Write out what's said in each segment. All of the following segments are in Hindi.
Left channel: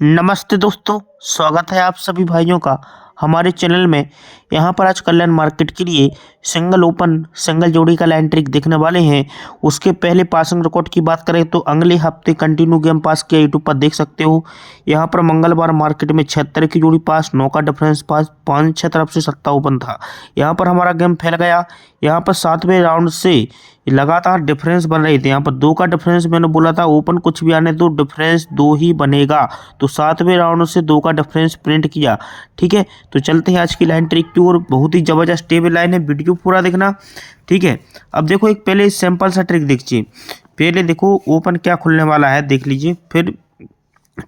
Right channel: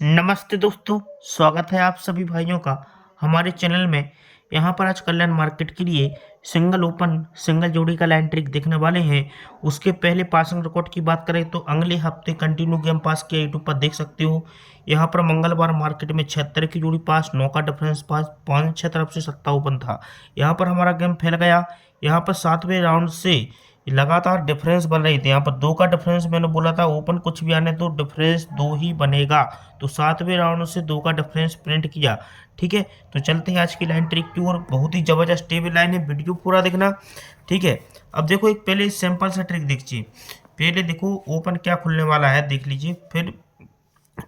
नमस्ते दोस्तों, स्वागत है आप सभी भाइयों का हमारे चैनल में। यहाँ पर आज कल्याण मार्केट के लिए सिंगल ओपन सिंगल जोड़ी का लाइन ट्रिक देखने वाले हैं। उसके पहले पासिंग रिकॉर्ड की बात करें तो अगले हफ्ते कंटिन्यू गेम पास किया यूट्यूब पर देख सकते हो। यहाँ पर मंगलवार मार्केट में 76 की जोड़ी पास, 9 का डिफरेंस पास, 5-6 तरफ से सट्टा ओपन था। यहाँ पर हमारा गेम फैल गया। यहाँ पर 7वें राउंड से लगातार डिफरेंस बन रही थी। यहाँ पर 2 का डिफरेंस मैंने बोला था ओपन कुछ भी आने दो, डिफरेंस 2 ही बनेगा। तो 7वें राउंड से 2 का डिफरेंस प्रिंट किया। ठीक है, तो चलते हैं आज की लाइन ट्रिक की ओर। बहुत ही जबरदस्त टेबल लाइन है, वीडियो पूरा देखना। ठीक है, अब देखो एक पहले सिंपल सा ट्रिक देखिए। पहले देखो ओपन क्या खुलने वाला है देख लीजिए, फिर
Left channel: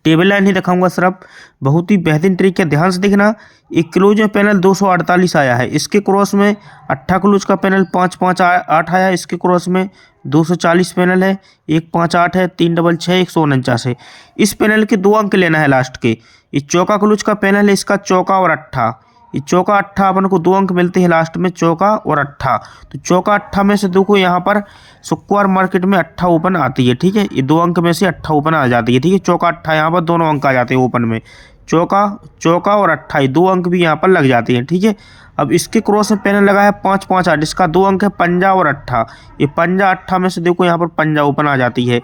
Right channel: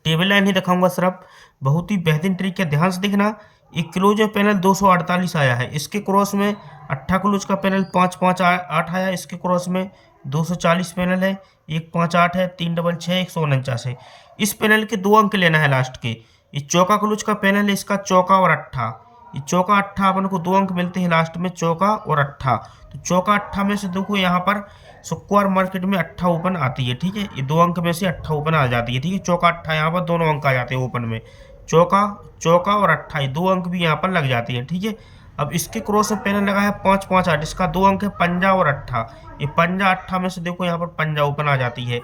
टेबल लाइन ही दिखाऊंगा सिर्फ। बहुत ही बेहतरीन ट्रिक है, ध्यान से देखना। एक क्लोज में पैनल 248 आया है, इसके क्रॉस में 8 क्लोज का पैनल 558 आया, इसके क्रॉस में 240 पैनल है, 158 है, 366 149 है। इस पैनल के 2 अंक लेना है लास्ट के। ये चौका क्लोज का पैनल है, इसका चौका और अट्ठा। ये चौका अट्ठा अपन को 2 अंक मिलते हैं लास्ट में, चौका और अट्ठा। तो चौका अट्ठा में से देखो यहाँ पर शुक्रवार मार्केट में अट्ठा ओपन आती है। ठीक है, ये 2 अंक में से अट्ठा ओपन आ जाती है। ठीक है, चौका अट्ठा यहाँ पर दोनों अंक आ जाते हैं ओपन में। चौका चौका और अट्ठा, ये 2 अंक भी यहाँ पर लग जाते हैं। ठीक है, अब इसके क्रॉस में पैनल लगा है 558, इसका 2 अंक है पंजा और अट्ठा। ये पंजा अट्ठा में से देखो यहाँ पर पंजा ओपन आ जाती है।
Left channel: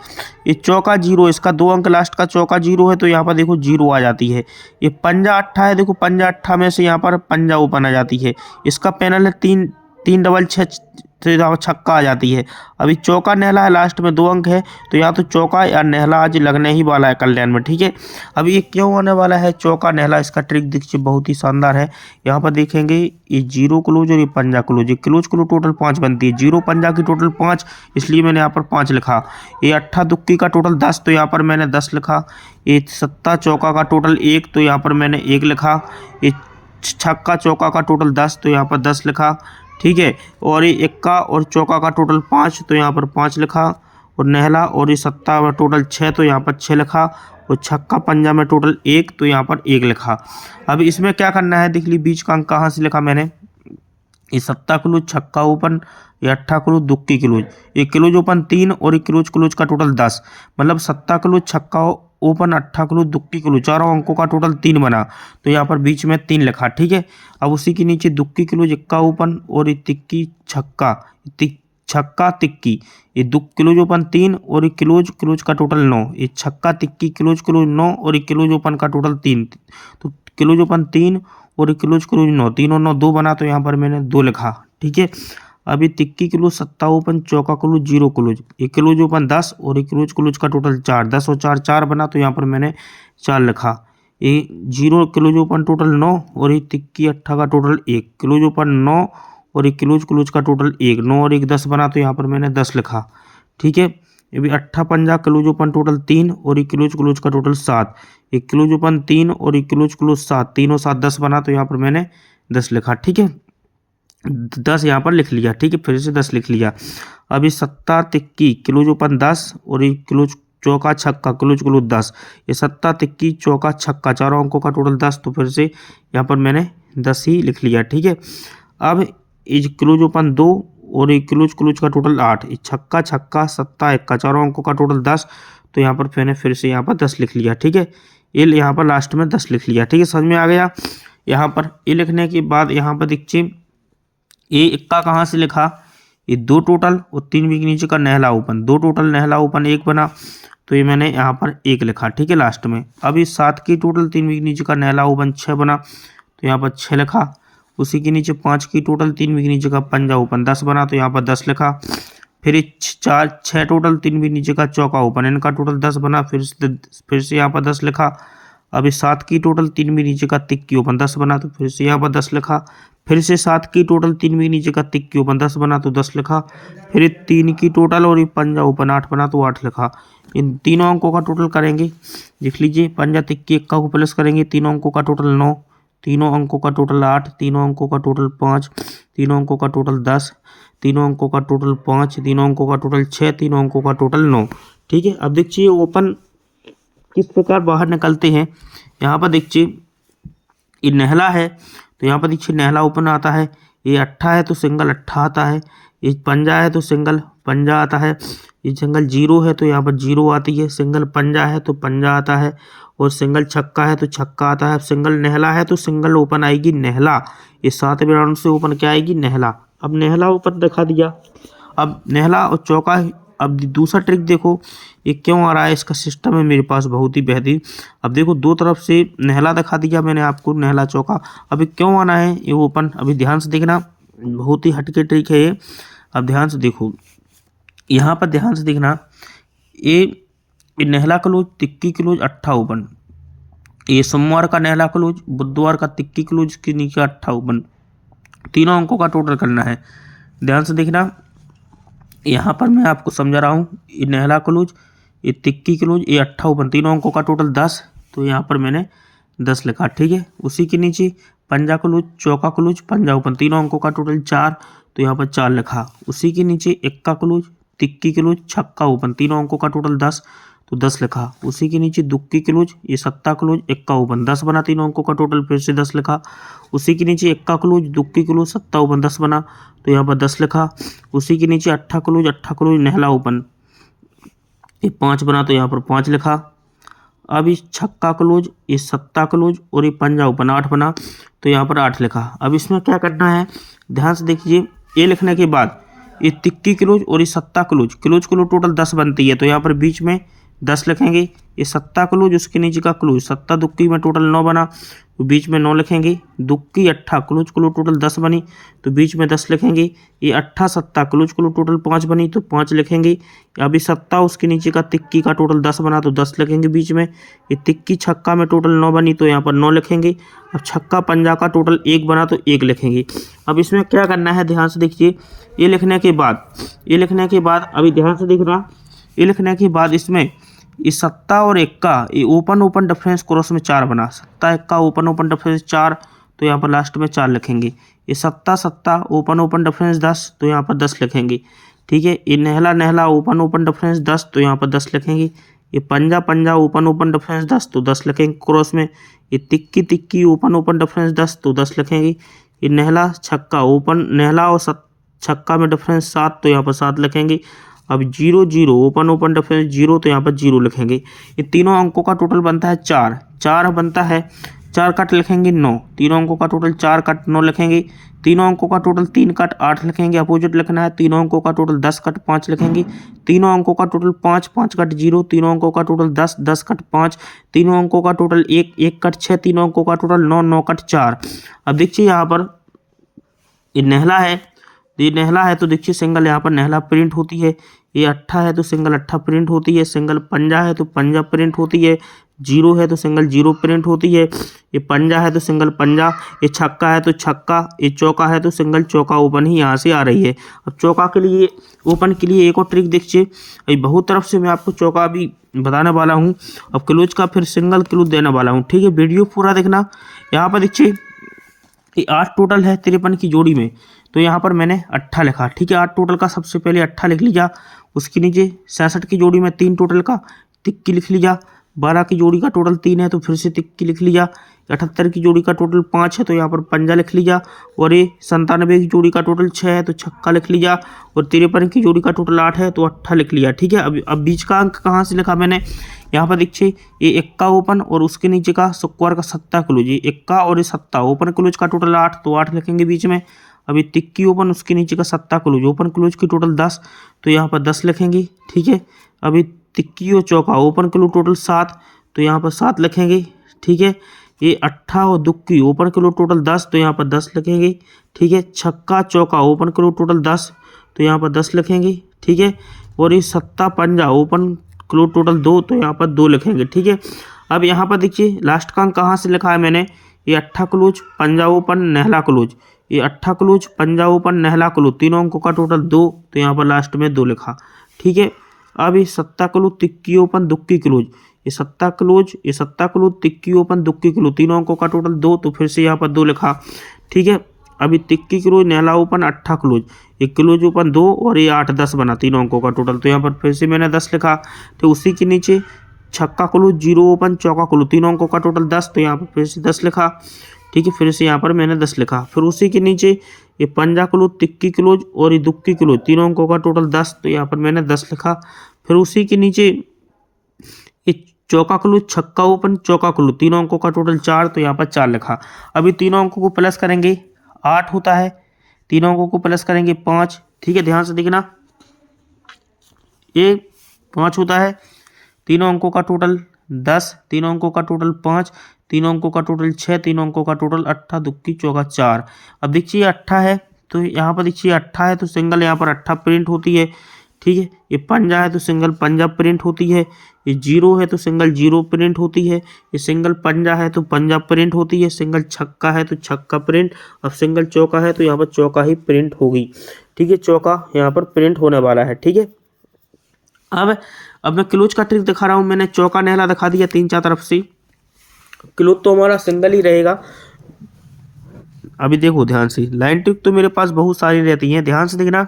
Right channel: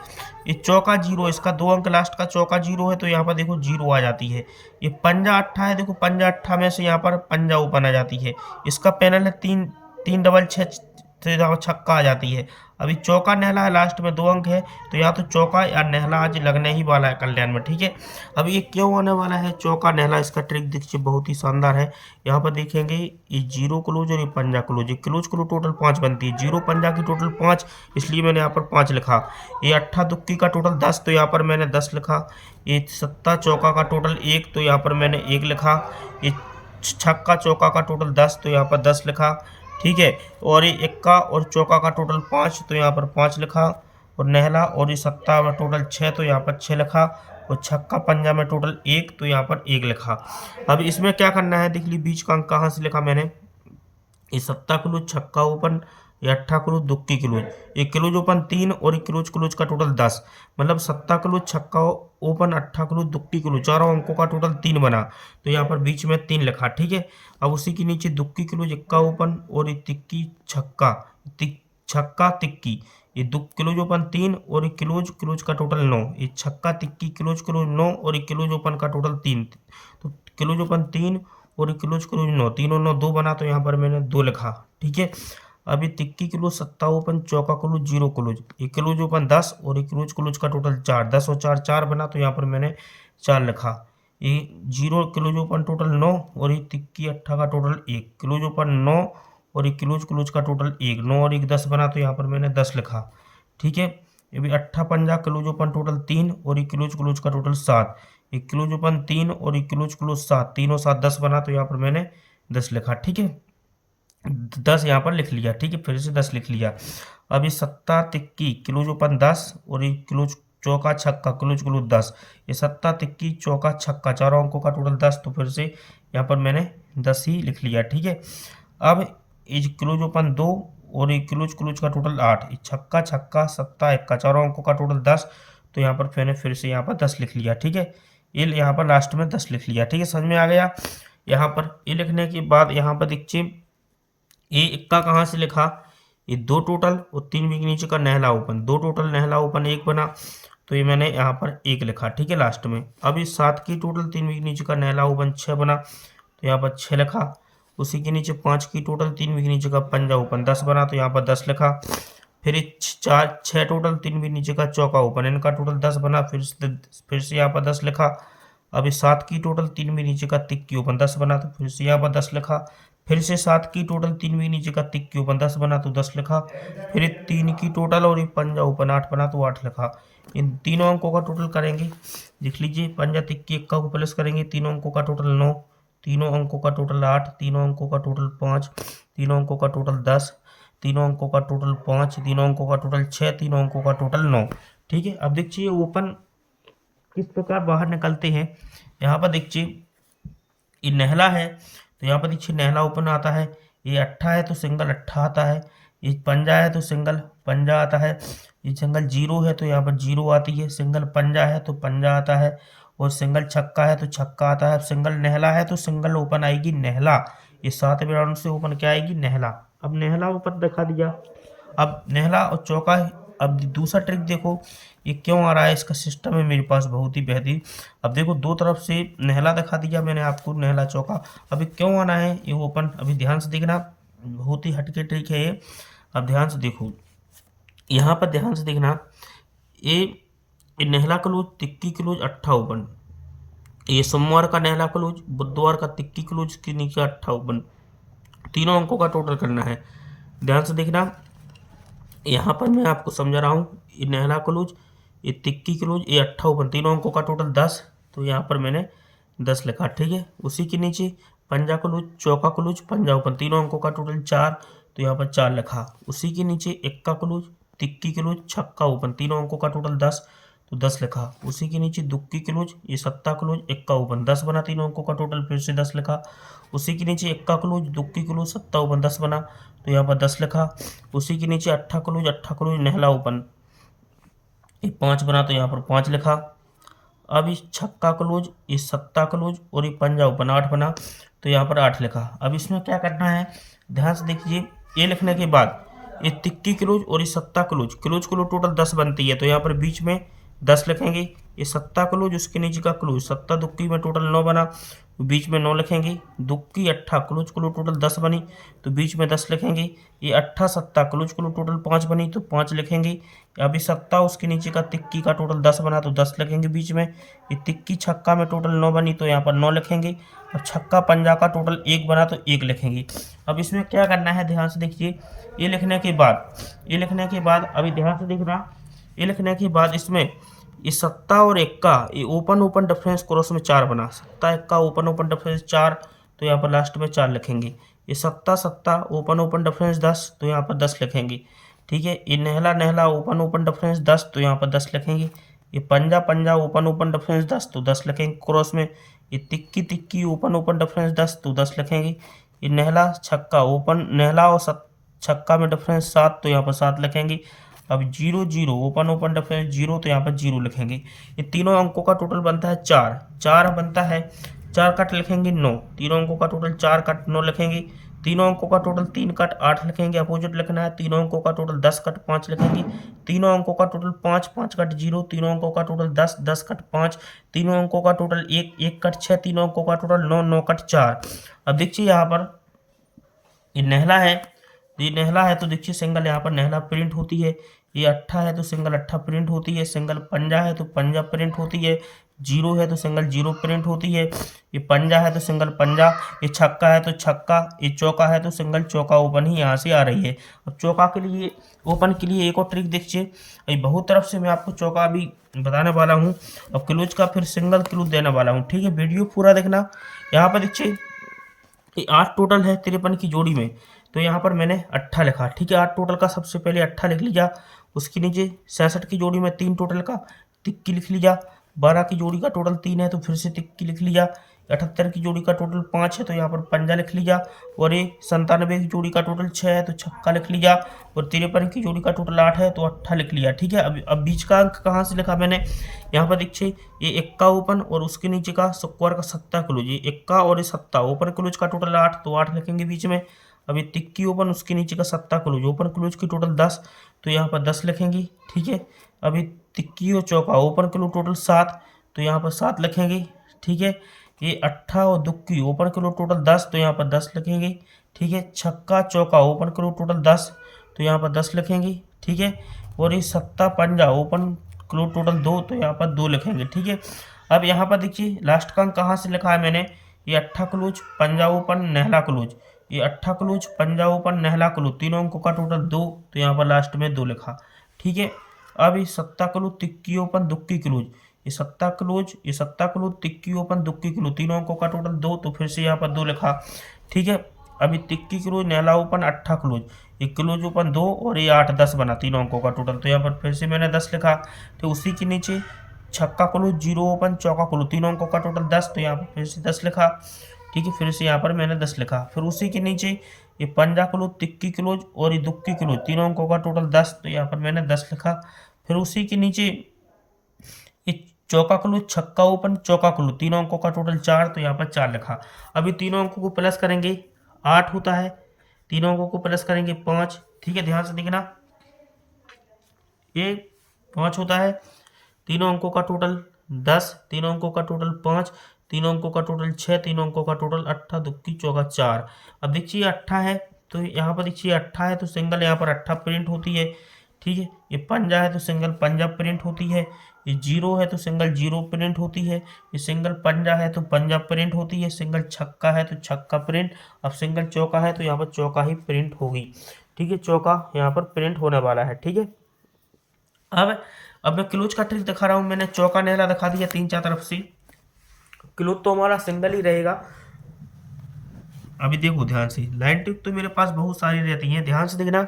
ये चौका जीरो, इसका 2 अंक लास्ट का चौका जीरो है, तो यहाँ पर देखो जीरो आ जाती है। ये पंजा अट्ठा है, देखो पंजा अट्ठा में से यहाँ पर पंजा ओपन आ जाती है। इसका पैनल है 3 3 6 तो यहाँ पर छक्का आ जाती है। अभी चौका नहला है, लास्ट में 2 अंक है, तो यहाँ तो चौका या नहला आज लगने ही वाला है कल्याण में। ठीक है, अब ये क्यों आने वाला है चौका नहला, इसका ट्रिक देखिए बहुत ही शानदार है। यहाँ पर देखेंगे ये जीरो क्लोज और ये पंजा क्लोज, ये क्लोज क्लोज टोटल 5 बनती है, जीरो पंजा की टोटल 5, इसलिए मैंने यहाँ पर 5 लिखा। ये अट्ठा दुक्की का टोटल 10, तो यहाँ पर मैंने 10 लिखा। ये सत्ता चौका का टोटल 1, तो यहाँ पर मैंने 1 लिखा। ये छक्का चौका का टोटल 10, तो यहाँ पर 10 लिखा। ठीक है, और ये इक्का और चौका का टोटल 5, तो यहाँ पर 5 लिखा। और नहला और ये सत्ता में टोटल 6, तो यहाँ पर 6 लिखा। और छक्का पंजा में टोटल 1, तो यहाँ पर 1 लिखा। अब इसमें क्या करना है देख ली, बीच का अंक कहाँ से लिखा मैंने। ये सत्ता क्लोज, छक्का ओपन, ये अट्ठा क्लोज, दुक्की क्लोज। ये क्लोज ओपन 3 और ये क्लोज क्लोज का टोटल 10, मतलब सत्ता क्लोज, छक्का ओपन, अट्ठा क्लोज, दुक्की क्लोज, चारों अंकों का टोटल 3 बना, तो यहाँ पर बीच में 3 लिखा। ठीक है, अब उसी के नीचे दुक्की क्लोज, इक्का ओपन और ये तिक्की छक्का, छक्का तिक्की। ये दुक क्लोज ओपन 3 और ये क्लोज क्लोज का टोटल 9, ये छक्का तिक्की क्लोज क्लोज 9 और ये क्लोज ओपन का टोटल 3, तो क्लोज ओपन 3 और क्लोज क्लोज 9, 3 और 9 2 बना, तो यहाँ पर मैंने 2 लिखा। ठीक है, अभी तिक्की क्लोज, सत्ता ओपन, चौका क्लोज, जीरो क्लोज, ये क्लोज ओपन 10 और ये क्लोज क्लोज का टोटल 4, 10 और 4 4 बना, तो यहाँ पर मैंने 4 लिखा। ये जीरो क्लोज ओपन टोटल 9 और ये तिक्की अट्ठा का टोटल 1, क्लोज ओपन 9 और ये क्लोज क्लोज का टोटल 1, 9 और 1 10 बना, तो यहाँ पर मैंने 10 लिखा। ठीक है, ये भी अट्ठा पंजा क्लोज ओपन टोटल 3 और ये क्लोज क्लोज का टोटल 7, ये क्लोज ओपन 3 और ये क्लोज क्लोज 7, 3 और 7 10 बना, तो यहाँ पर मैंने 10 लिखा। ठीक है, 10 यहाँ पर लिख लिया। ठीक है, फिर से 10 लिख लिया। अभी सत्ता तिक्की क्लोज ओपन 10 और ये क्लोज चौका छक्का क्लोज क्लोज 10, ये सत्ता तिक्की चौका छक्का, चारों अंकों का टोटल 10, तो फिर से यहाँ पर मैंने 10 ही लिख लिया। ठीक है, अब ये क्लोज ओपन 2 और ये क्लोज क्लोज का टोटल 8, ये छक्का छक्का सत्ता इक्का, चारों अंकों का टोटल 10, तो यहाँ पर मैंने फिर से यहाँ पर 10 लिख लिया। ठीक है, ये यहाँ पर लास्ट में 10 लिख लिया। ठीक है, समझ में आ गया। यहाँ पर ये लिखने के बाद यहाँ पर देखिए ये इक्का कहाँ से लिखा, ये 2 टोटल और 3 के नीचे का नहला ओपन, 2 टोटल नहला ओपन 1 बना, तो ये मैंने यहाँ पर 1 लिखा। ठीक है, लास्ट में अब ये 7 की टोटल 3 के नीचे का नहला ओपन 6 बना, तो यहाँ पर 6 लिखा। उसी के नीचे 5 की टोटल 3 के नीचे का पंजा ओपन 10 बना, तो यहाँ पर 10 लिखा। फिर ये 6 टोटल 3 के नीचे का चौका ओपन, इनका टोटल 10 बना, फिर से यहाँ पर 10 लिखा। अभी 7 की टोटल 3 के नीचे का तिक्की ओपन 10 बना, तो फिर से यहाँ पर 10 लिखा। फिर से 7 की टोटल 3 के नीचे का तिक्की ओपन 10 बना, तो 10 लिखा। फिर 3 की टोटल और ये पंजा ओपन 8 बना, तो 8 लिखा। इन तीनों अंकों का टोटल करेंगे, लिख लीजिए। पंजा तिक्की इक्का को प्लस करेंगे, तीनों अंकों का टोटल 9, तीनों अंकों का टोटल 8, तीनों अंकों का टोटल 5, तीनों अंकों का टोटल 10, तीनों अंकों का टोटल 5, तीनों अंकों का टोटल 6, तीनों अंकों का टोटल 9। ठीक है, अब देखिए ओपन किस प्रकार बाहर निकलते हैं। यहाँ पर देखिए ये नहला है, तो यहाँ पर देखिए नहला ओपन आता है। ये अट्ठा है तो सिंगल अट्ठा आता है। ये पंजा है तो सिंगल पंजा आता है। ये सिंगल जीरो है तो यहाँ पर जीरो आती है, सिंगल पंजा है तो पंजा आता है, और सिंगल छक्का है तो छक्का आता है। सिंगल नेहला है तो सिंगल ओपन आएगी नेहला। ये 7वें राउंड से ओपन क्या आएगी, नेहला। अब नेहला ओपन दिखा दिया। अब नेहला और चौका। अब दूसरा ट्रिक देखो ये क्यों आ रहा है, इसका सिस्टम है मेरे पास बहुत ही बेहतरीन। अब देखो दो तरफ से नेहला दिखा दिया मैंने आपको, नेहला चौका। अभी क्यों आना है ये ओपन, अभी ध्यान से देखना, बहुत ही हटके ट्रिक है ये। अब ध्यान से देखो, यहाँ पर ध्यान से देखना, ये Nehla close, tikki close, अट्ठा open. ये सोमवार का नेहला क्लोज, बुधवार का तिक्की क्लोज के नीचे अट्ठा ओपन, तीनों अंकों का टोटल करना है। ध्यान से देखना, यहाँ पर मैं आपको समझा रहा हूँ, ये नेहला क्लोज, ये तिक्की क्लोज, ये अट्ठा ओपन, तीनों अंकों का टोटल 10। तो यहाँ पर मैंने 10 लिखा, ठीक है। उसी के नीचे पंजा क्लोज, चौका क्लोज, पंजा ओपन, तीनों अंकों का टोटल 4। तो यहाँ पर 4 लिखा। उसी के नीचे इक्का क्लोज, तिक्की क्लोज, छक्का ओपन, तीनों अंकों का टोटल 10। तो 10 लिखा। उसी के नीचे दुक्की क्लोज, ये सत्ता क्लोज, इक्का ओपन, 10 बना, तीनों अंकों का टोटल, फिर से 10 लिखा। उसी के नीचे इक्का क्लोज, दुक्की क्लोज, सत्ता ओपन, 10 बना, तो यहाँ पर 10 लिखा। उसी के नीचे अट्ठा क्लोज, नेहला ओपन, ये 5 बना, तो यहाँ पर 5 लिखा। अब इस छक्का क्लोज, ये सत्ता क्लोज और ये पंजा ओपन, 8 बना, तो यहाँ पर 8 लिखा। अब इसमें क्या करना है, ध्यान से देखिए, ये लिखने के बाद ये तिक्की क्लोज और ये सत्ता क्लोज, क्लोज टोटल 10 बनती है, तो यहाँ पर बीच में 10 लिखेंगे। ये सत्ता क्लोज, उसके नीचे का क्लोज, सत्ता दुक्की में टोटल 9 बना, तो बीच में 9 लिखेंगे। दुक्की अट्ठा क्लोज टोटल 10 बनी, तो बीच में 10 लिखेंगे। ये अट्ठा सत्ता क्लोज टोटल 5 बनी, तो 5 लिखेंगे। अभी सत्ता, उसके नीचे का तिक्की का टोटल 10 बना, तो 10 लिखेंगे बीच में। ये तिक्की छक्का में टोटल 9 बनी, तो यहाँ पर 9 लिखेंगे। अब छक्का पंजा का टोटल 1 बना, तो 1 लिखेंगे। अब इसमें क्या करना है, ध्यान से देखिए, ये लिखने के बाद अभी ध्यान से देखना, ये लिखने के बाद इसमें ये सत्ता और इक्का, ये ओपन डिफरेंस क्रॉस में 4 बना, सत्ता इक्का ओपन डिफरेंस 4, तो यहाँ पर लास्ट में 4 लिखेंगे। ये सत्ता ओपन डिफरेंस 10, तो यहाँ पर 10 लिखेंगे, ठीक है। ये नेहला ओपन डिफरेंस 10, तो यहाँ पर 10 लिखेंगे। ये पंजा ओपन डिफरेंस 10, तो 10 लिखेंगे क्रॉस में। ये तिक्की ओपन डिफरेंस 10, तो 10 लिखेंगे। ये नेहला छक्का नेहला और छक्का में डिफरेंस 7, तो यहाँ पर 7 लिखेंगे। अब 0 ओपन डिफरेंस 0, तो यहाँ पर 0 लिखेंगे। ये तीनों अंकों का टोटल बनता है 4 बनता है, 4 कट लिखेंगे 9, तीनों अंकों का टोटल 4 कट 9 लिखेंगे। तीनों अंकों का टोटल 3 कट 8 लिखेंगे, अपोजिट लिखना है। तीनों अंकों का टोटल 10 कट 5 लिखेंगे। तीनों अंकों का टोटल 5 कट 0, तीनों अंकों का टोटल 10 कट 5, तीनों अंकों का टोटल 1 कट 6, तीनों अंकों का टोटल 9 कट 4। अब देखिए यहाँ पर ये नेहला है, तो देखिए सिंगल यहाँ पर नेहला प्रिंट होती है। ये अट्ठा है तो सिंगल अट्ठा प्रिंट होती है। सिंगल पंजा है तो पंजा प्रिंट होती है। 0 है तो सिंगल 0 प्रिंट होती है। ये पंजा है तो सिंगल पंजा। ये छक्का है तो छक्का। ये चौका है तो सिंगल चौका ओपन ही यहाँ से आ रही है। अब चौका के लिए, ओपन के लिए एक और ट्रिक देखिए। अभी बहुत तरफ से मैं आपको चौका अभी बताने वाला हूँ। अब क्लोज का फिर सिंगल क्लोज देने वाला हूँ, ठीक है। वीडियो पूरा देखना। यहाँ पर देखिए ये 8 टोटल है 53 की जोड़ी में, तो यहाँ पर मैंने अट्ठा लिखा, ठीक है। 8 टोटल का सबसे पहले अट्ठा लिख लीजिए। उसके नीचे 66 की जोड़ी में 3 टोटल का तिक्की लिख लीजिए। 12 की जोड़ी का टोटल 3 है तो फिर से तिक्की लिख लीजिए। 78 की जोड़ी का टोटल 5 है तो यहाँ पर पंजा लिख लीजिए। और ये 97 की जोड़ी का टोटल 6 है तो छक्का लिख लीजिए। और 53 की जोड़ी का टोटल 8 है तो अट्ठा लिख लिया, ठीक है। अब बीच का अंक कहाँ से लिखा मैंने, यहाँ पर देखिए ये इक्का ओपन और उसके नीचे का स्क्वायर का सत्ता क्लोज। ये इक्का और ये सत्ता ओपन क्लोज का टोटल 8, तो 8 लिखेंगे बीच में। अभी तिक्की ओपन, उसके नीचे का सत्ता क्लोज, ओपन क्लोज की टोटल 10, तो यहाँ पर 10 लिखेंगे, ठीक है। अभी तिक्की और चौका ओपन क्लोज टोटल 7, तो यहाँ पर 7 लिखेंगे, ठीक है। ये अट्ठा और दुक्की ओपन क्लोज टोटल 10, तो यहाँ पर 10 लिखेंगे, ठीक है। छक्का चौका ओपन क्लोज टोटल 10, तो यहाँ पर 10 लिखेंगे, ठीक है। और ये सत्ता पंजा ओपन क्लोज टोटल 2, तो यहाँ पर 2 लिखेंगे, ठीक है। अब यहाँ पर देखिए लास्ट का अंक कहाँ से लिखा है मैंने, ये अट्ठा क्लोज पंजा ओपन नेहला क्लोज। ये अट्ठा क्लोज पंजा ओपन नेहला क्लोज, तीनों अंकों का टोटल 2, तो यहाँ पर लास्ट में 2 लिखा, ठीक है। अब ये सत्ता क्लोज तिक्की ओपन दुक्की क्लोज। ये सत्ता क्लोज तिक्की ओपन दुक्की क्लोज, तीनों अंकों का टोटल 2, तो फिर से यहाँ पर 2 लिखा, ठीक है। अभी tikki close Nehla open अट्ठा close, ये क्लोज ओपन 2 और ये 8 10 बना, तीनों अंकों का टोटल, तो यहाँ पर फिर से मैंने 10 लिखा। तो उसी के नीचे छक्का क्लोज 0 ओपन चौका क्लोज, तीनों अंकों का टोटल 10, तो यहाँ पर फिर से 10 लिखा, ठीक है, फिर से यहाँ पर मैंने 10 लिखा। फिर उसी के नीचे ये पंजा क्लोज, तिक्की क्लोज और ये दुक्की क्लोज, तीनों अंकों का टोटल 10, तो यहाँ पर मैंने 10 लिखा। फिर उसी के नीचे ये चौका क्लोज, छक्का ओपन, चौका क्लोज, तीनों अंकों का टोटल 4, तो यहाँ पर 4 लिखा। अभी तीनों अंकों को प्लस करेंगे 8 होता है, तीनों अंकों को प्लस करेंगे 5। ठीक है, ध्यान से देखना, ये 5 होता है, तीनों अंकों का टोटल 10, तीनों अंकों का टोटल 5, तीनों अंकों का टोटल 6, तीनों अंकों का टोटल 8, दुक्की चौका 4। अब देखिए 8 है तो यहाँ पर देखिए 8 है तो सिंगल यहाँ पर 8 प्रिंट होती है। ठीक है, ये पंजा है तो सिंगल पंजा प्रिंट होती है, ये 0 है तो सिंगल 0 प्रिंट होती है, ये सिंगल पंजा है तो पंजा प्रिंट होती है, सिंगल छक्का है तो छक्का प्रिंट, अब सिंगल चौका है तो यहाँ पर चौका ही प्रिंट होगी। ठीक है, चौका यहाँ पर प्रिंट होने वाला है। ठीक है, अब मैं क्लोज का ट्रिक दिखा रहा हूँ। मैंने चौका नेहला दिखा दिया 3-4 तरफ से, क्लोज तो हमारा सिंगल ही रहेगा। अभी देखो ध्यान से, लाइन ट्रिक तो मेरे पास बहुत सारी रहती हैं, ध्यान से देखना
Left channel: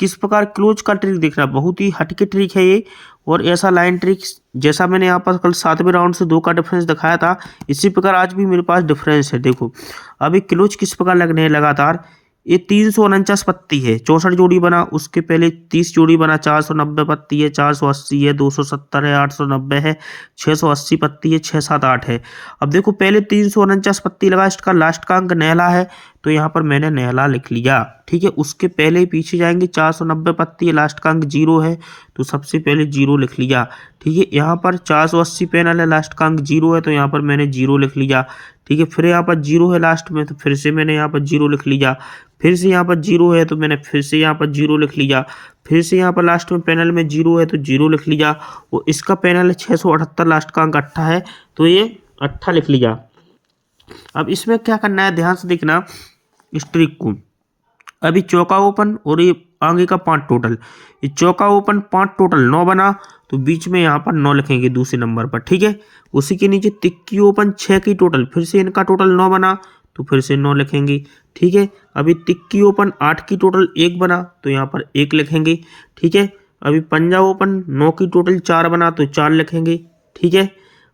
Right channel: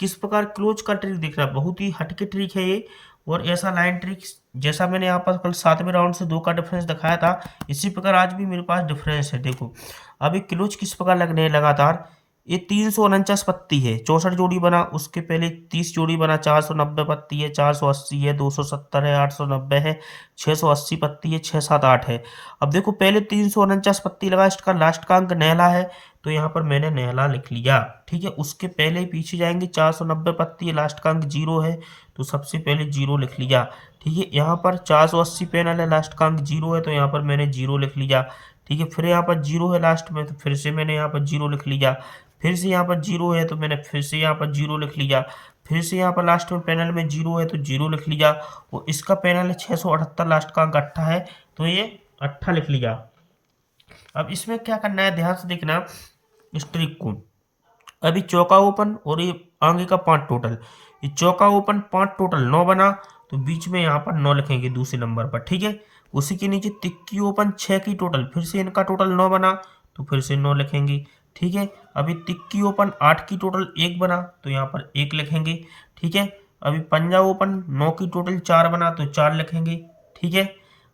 किस प्रकार क्लोज का ट्रिक देखना, बहुत ही हटके ट्रिक है ये। और ऐसा लाइन ट्रिक जैसा मैंने यहाँ पर कल 7वें राउंड से 2 का डिफरेंस दिखाया था, इसी प्रकार आज भी मेरे पास डिफरेंस है। देखो अभी क्लोज किस प्रकार लगने है, लगातार ये 349 पत्ती है, 64 जोड़ी बना, उसके पहले 30 जोड़ी बना, 490 पत्ती है, 480 है, 270 है, 890 है, 680 पत्ती है, 6, 7, 8 है। अब देखो पहले 349 पत्ती लगा, इसका लास्ट का अंक नेहला है तो यहाँ पर मैंने नेहला लिख लिया। ठीक है, उसके पहले पीछे जाएंगे, 490 पत्ती है, लास्ट का अंक 0 है तो सबसे पहले 0 लिख लिया। ठीक है, यहाँ पर 480 पैनल है, लास्ट का अंक 0 है तो यहाँ पर मैंने 0 लिख लिया। ठीक है, फिर यहाँ पर 0 है लास्ट में तो फिर से मैंने यहाँ पर 0 लिख लिया, फिर से यहाँ पर 0 है तो मैंने फिर से यहाँ पर 0 लिख लिया, फिर से यहाँ पर लास्ट में पैनल में 0 है तो 0 लिख लिया। वो इसका पैनल है 678, लास्ट का अंक 8 है तो ये 8 लिख लिया। अब इसमें क्या करना है, ध्यान से देखना इस ट्रिक को। अभी चौका ओपन और ये आगे का 5 टोटल, ये चौका ओपन 5 टोटल 9 बना तो बीच में यहाँ पर 9 लिखेंगे दूसरे नंबर पर। ठीक है, उसी के नीचे तिक्की ओपन 6 की टोटल, फिर से इनका टोटल 9 बना तो फिर से 9 लिखेंगे। ठीक है, अभी तिक्की ओपन 8 की टोटल 1 बना तो यहाँ पर 1 लिखेंगे। ठीक है, अभी पंजा ओपन 9 की टोटल 4 बना तो 4 लिखेंगे। ठीक है,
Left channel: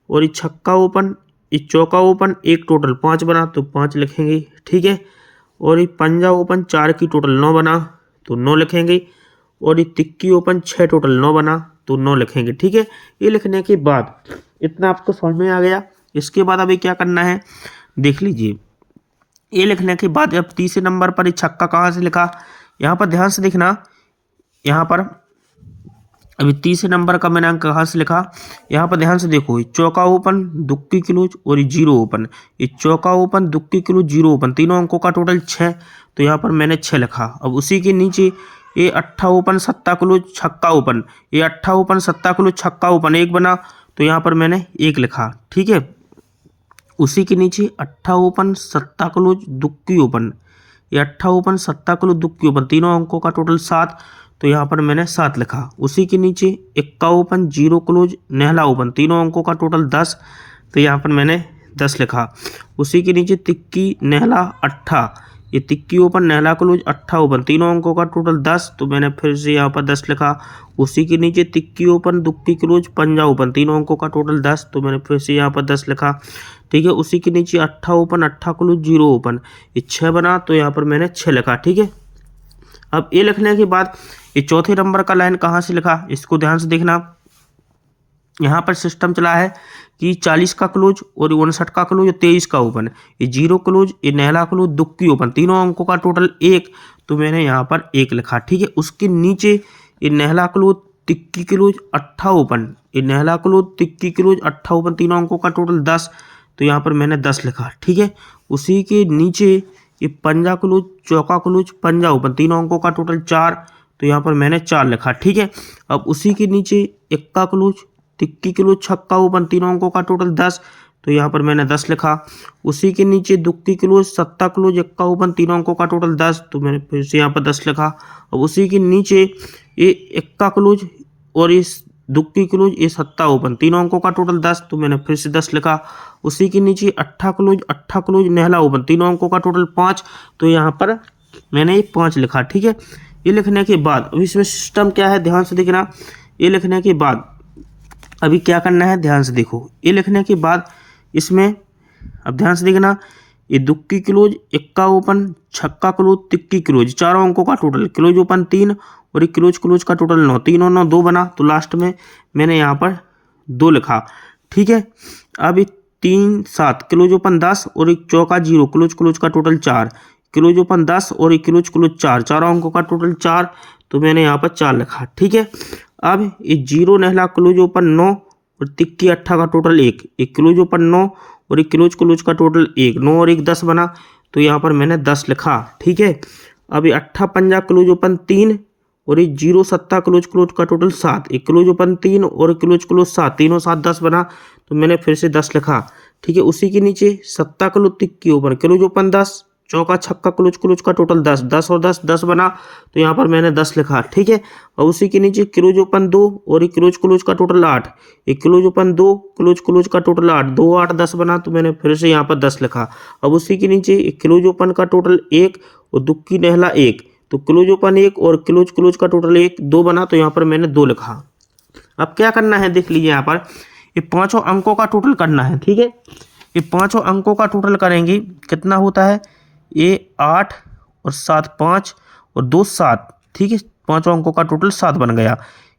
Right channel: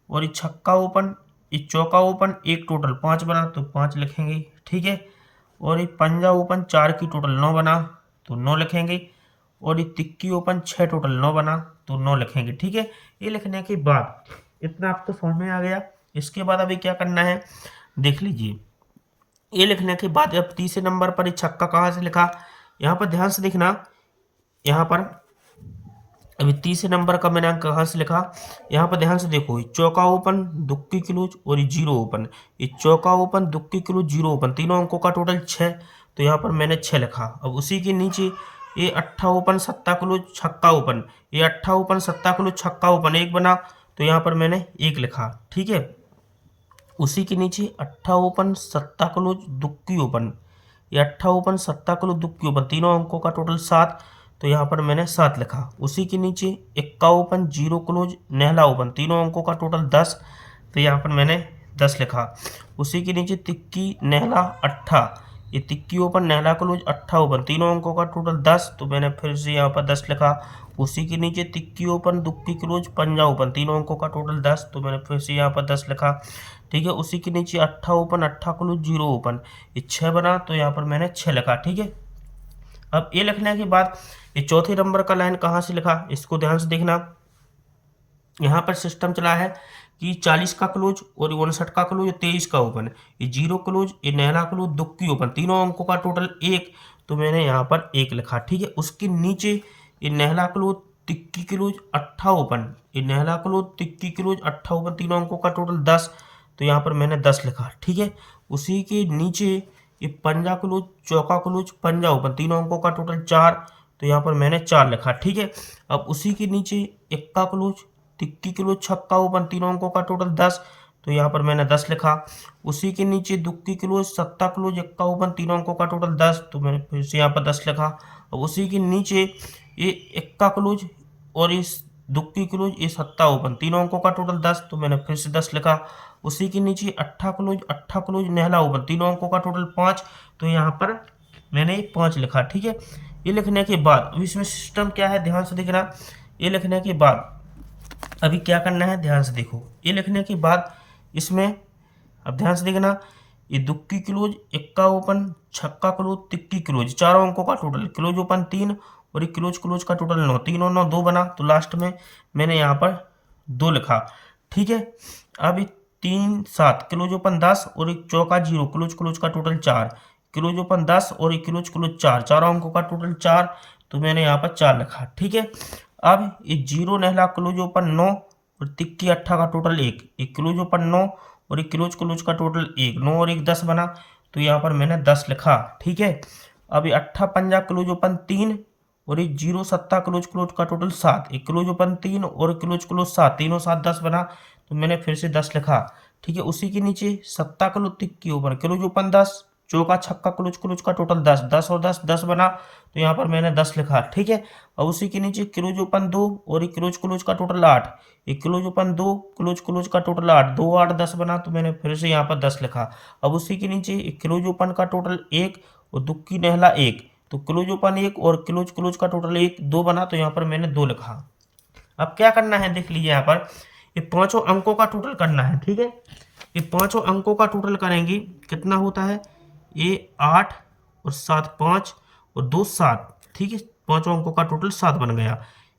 और ये छक्का ओपन, ये चौका ओपन 1 टोटल 5 बना तो 5 लिखेंगे। ठीक है, और ये पंजा ओपन 4 की टोटल 9 बना तो 9 लिखेंगे, और ये तिक्की ओपन 6 टोटल 9 बना तो 9 लिखेंगे। ठीक है, ये लिखने के बाद इतना आपको समझ में आ गया। इसके बाद अभी क्या करना है देख लीजिए। ये लिखने के बाद अब तीसरे नंबर पर ये छक्का कहाँ से लिखा, यहाँ पर ध्यान से देखना, यहाँ पर अभी तीसरे नंबर का मैंने अंक कहाँ से लिखा, यहाँ पर ध्यान से देखो, चौका ओपन, दुक्की क्लोज और ये 0 ओपन, ये चौका ओपन, दुक्की क्लोज, 0 ओपन, तीनों अंकों का टोटल 6 तो यहाँ पर मैंने 6 लिखा। अब उसी के नीचे ये 8 ओपन, सत्ता क्लोज, छक्का ओपन, ये 8 ओपन, सत्ता क्लोज, छक्का ओपन 1 बना तो यहाँ पर मैंने 1 लिखा। ठीक है, उसी के नीचे 8 ओपन, सत्ता क्लोज, दुक्की ओपन, ये 8 ओपन, सत्ता क्लोज, दुक्की ओपन, तीनों अंकों का टोटल 7 तो यहाँ पर मैंने 7 लिखा। उसी के नीचे 1 ओपन, 0 क्लोज, नेहला ओपन, तीनों अंकों का टोटल 10 तो यहाँ पर मैंने 10 लिखा। उसी के नीचे तिक्की नेहला 8, ये tikki open, Nehla close, 8 open, तीनों अंकों का टोटल 10 तो मैंने फिर से यहाँ पर 10 लिखा। उसी के नीचे तिक्की ओपन, दुक्की क्लोज, पंजा ओपन, तीनों अंकों का टोटल 10 तो मैंने फिर से यहाँ पर 10 लिखा। ठीक है, उसी के नीचे 8 ओपन, 8 क्लोज, 0 ओपन, ये 6 बना तो यहाँ पर मैंने 6 लिखा। ठीक है, अब ये लिखने के बाद ये चौथे नंबर का लाइन कहाँ से लिखा, इसको ध्यान से देखना। यहाँ पर सिस्टम चला है कि 40 का क्लोज और 59 का क्लोज और 23 का ओपन, ये 0 क्लोज, ये नेहला क्लोज, दुक्की ओपन, तीनों अंकों का टोटल 1 तो मैंने यहाँ पर 1 लिखा। ठीक है, उसके नीचे ये Nehla close, tikki close, 8 open, ये Nehla close, tikki close, 8 open, तीनों अंकों का टोटल 10 तो यहाँ पर मैंने 10 लिखा। ठीक है, उसी के नीचे ये पंजा क्लोज, चौका क्लोज, पंजा ओपन, तीनों अंकों का टोटल 4 तो यहाँ पर मैंने 4 लिखा। ठीक है, अब उसी के नीचे 1 क्लोज, तिक्की क्लोज, छक्का ओपन, तीनों अंकों का टोटल 10 तो यहाँ पर मैंने 10 लिखा। उसी के नीचे दुक्की क्लोज, सत्ता क्लोज, 1 ओपन, तीनों अंकों का टोटल 10 तो मैंने फिर से यहाँ पर 10 लिखा। अब उसी के नीचे ये 1 क्लोज और इस दुक्की क्लोज, ये सत्ता ओपन, तीनों अंकों का टोटल 10 तो मैंने फिर से 10 लिखा। उसी के नीचे 8 क्लोज, नेहला ओपन, तीनों अंकों का टोटल 5 तो यहाँ पर मैंने 5 लिखा। ठीक है, ये लिखने के बाद अब इसमें सिस्टम क्या है ध्यान से देखना। ये लिखने के बाद अभी क्या करना है ध्यान से देखो। ये लिखने के बाद इसमें अब ध्यान से देखना, ये दुक्की क्लोज, इक्का ओपन, छक्का क्लोज, तिक्की क्लोज, चारों अंकों का टोटल। क्लोज ओपन 3 और ये क्लोज क्लोज का टोटल 9, 3 और 9 2 बना, तो लास्ट में मैंने यहाँ पर 2 लिखा। ठीक है, अब ये 3 7 क्लोज ओपन 10 और एक चौका 0, क्लोज क्लोज का टोटल 4, क्लोज ओपन 10 और एक क्लोज क्लोज 4, चारों अंकों का टोटल 4, तो मैंने यहाँ पर 4 लिखा। ठीक है, अब ये 0 नहला क्लोज ओपन 9 और तिक्की अट्ठा का टोटल 1, एक क्लोज ओपन 9 और एक क्लोज क्लोज का टोटल 1, 9 और 1 10 बना, तो यहाँ पर मैंने 10 लिखा। ठीक है, अब ये अट्ठा पंजा क्लोज ओपन 3 और ये 0 सत्ता क्लोज क्लोज का टोटल 7, एक क्लोज ओपन 3 और क्लोज क्लोज 7, 3 और 7 10 बना, तो मैंने फिर से 10 लिखा। ठीक है, उसी के नीचे सत्ता close tikki open, close open 10, चौका छक्का क्लोज क्लोज का टोटल 10, 10 और 10 10 बना, तो यहाँ पर मैंने 10 लिखा। ठीक है, और उसी के नीचे क्लोज ओपन 2 और एक क्लोज क्लोज का टोटल 8, एक क्लोज ओपन 2 क्लोज क्लोज का टोटल 8, 2 8 10 बना, तो मैंने फिर से यहाँ पर 10 लिखा। अब उसी के नीचे एक क्लोज ओपन का टोटल 1 और दुक्की नहला 1, तो क्लोज ओपन 1 और क्लोज क्लोज का टोटल 1 2 बना, तो यहाँ पर मैंने 2 लिखा। अब क्या करना है देख लीजिए, यहाँ पर ये पांचों अंकों का टोटल करना है। ठीक है, ये पांचों अंकों का टोटल करेंगे, कितना होता है, ये 8 और 7 5 और 2 7। ठीक है, पांचों अंकों का टोटल 7 बन गया।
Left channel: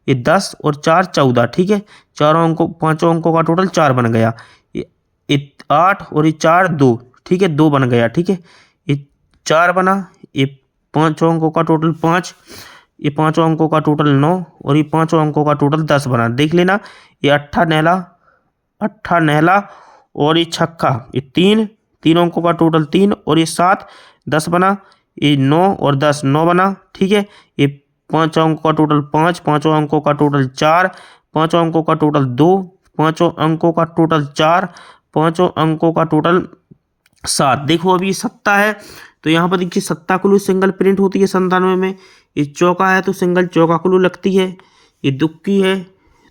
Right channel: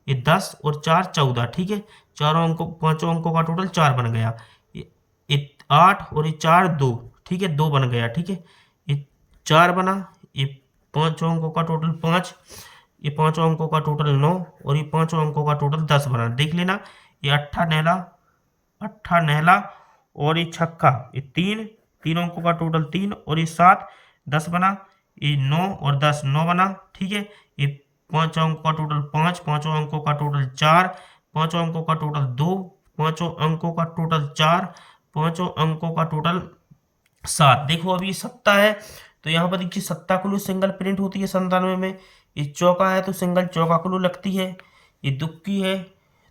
ये 10 और 4 14। ठीक है, चारों अंकों पांचों अंकों का टोटल 4 बन गया। ये 8 और ये 4 2। ठीक है, 2 बन गया। ठीक है, ये 4 बना, ये पांचों अंकों का टोटल 5, ये पांचों अंकों का टोटल 9 और ये पांचों अंकों का टोटल 10 बना। देख लेना, ये अट्ठा नहला और ये छक्का, ये 3 अंकों का टोटल 3 और ये 7 10 बना, ये 9 और 10 9 बना। ठीक है, ये पांचों अंकों का टोटल 5, पांचों अंकों का टोटल 4, पांचों अंकों का टोटल 2, पांचों अंकों का टोटल 4, पांचों अंकों का टोटल 7। देखो अभी सत्ता है, तो यहाँ पर देखिए सत्ता क्लू सिंगल प्रिंट होती है 97 में। ये चौका है तो सिंगल चौका क्लू लगती है। ये दुक्की है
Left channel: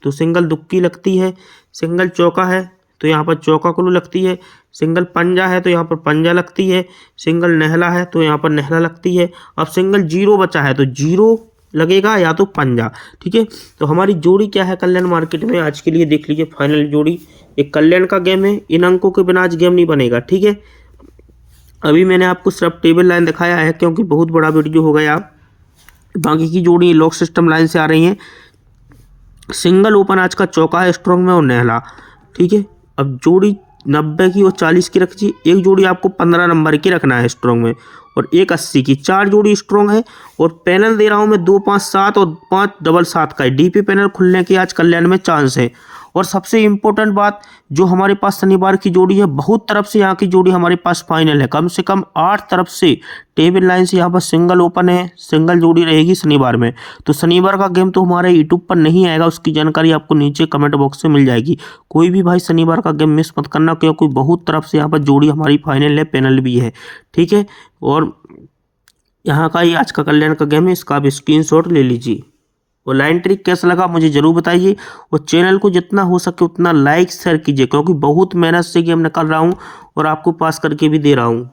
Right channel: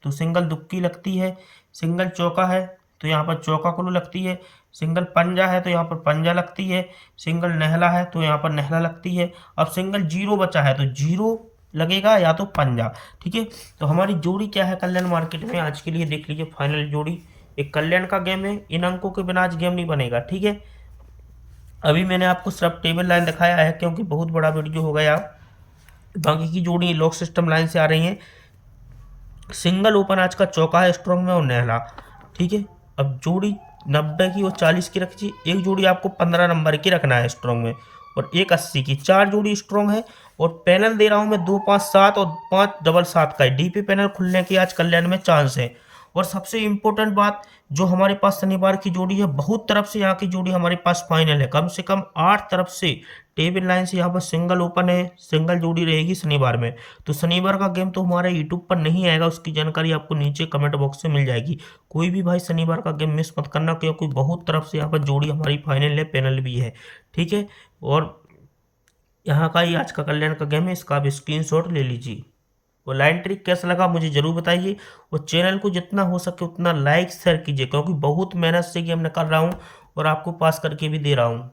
तो सिंगल दुक्की लगती है। सिंगल चौका है तो यहाँ पर चौका क्लू लगती है। सिंगल पंजा है तो यहाँ पर पंजा लगती है। सिंगल नहला है तो यहाँ पर नहला लगती है। अब सिंगल जीरो बचा है तो जीरो लगेगा या तो पंजा। ठीक है, तो हमारी जोड़ी क्या है कल्याण मार्केट में आज के लिए देख लीजिए। फाइनल जोड़ी एक कल्याण का गेम है, इन अंकों के बिना आज गेम नहीं बनेगा। ठीक है, अभी मैंने आपको सिर्फ टेबल लाइन दिखाया है क्योंकि बहुत बड़ा वीडियो हो गया। बाकी की जोड़ी लॉक सिस्टम लाइन से आ रही हैं। सिंगल ओपन आज का चौका है स्ट्रॉन्ग में और नहला। ठीक है, अब जोड़ी 90 की और 40 की रखी। एक जोड़ी आपको 15 नंबर की रखना है स्ट्रॉन्ग में और एक 80 की। 4 जोड़ी स्ट्रॉन्ग है और पैनल दे रहा हूँ मैं 2 5 7 और 5 डबल 7 का। डीपी पैनल खुलने की आज कल्याण में चांस है। और सबसे इम्पोर्टेंट बात, जो हमारे पास शनिवार की जोड़ी है, बहुत तरफ से यहाँ की जोड़ी हमारे पास फाइनल है। कम से कम 8 तरफ से टेबल लाइन से यहाँ पर सिंगल ओपन है, सिंगल जोड़ी रहेगी शनिवार में। तो शनिवार का गेम तो हमारे यूट्यूब पर नहीं आएगा, उसकी जानकारी आपको नीचे कमेंट बॉक्स में मिल जाएगी। कोई भी भाई शनिवार का गेम मिस मत करना क्योंकि बहुत तरफ से यहाँ पर जोड़ी हमारी फाइनल है, पैनल भी है। ठीक है, और यहाँ का ही आज का कल्याण का गेम है, इसका आप स्क्रीनशॉट ले लीजिए। और लाइन ट्रिक कैसा लगा मुझे ज़रूर बताइए और चैनल को जितना हो सके उतना लाइक शेयर कीजिए क्योंकि बहुत मेहनत से गेम निकाल रहा हूँ और आपको पास करके भी दे रहा हूँ।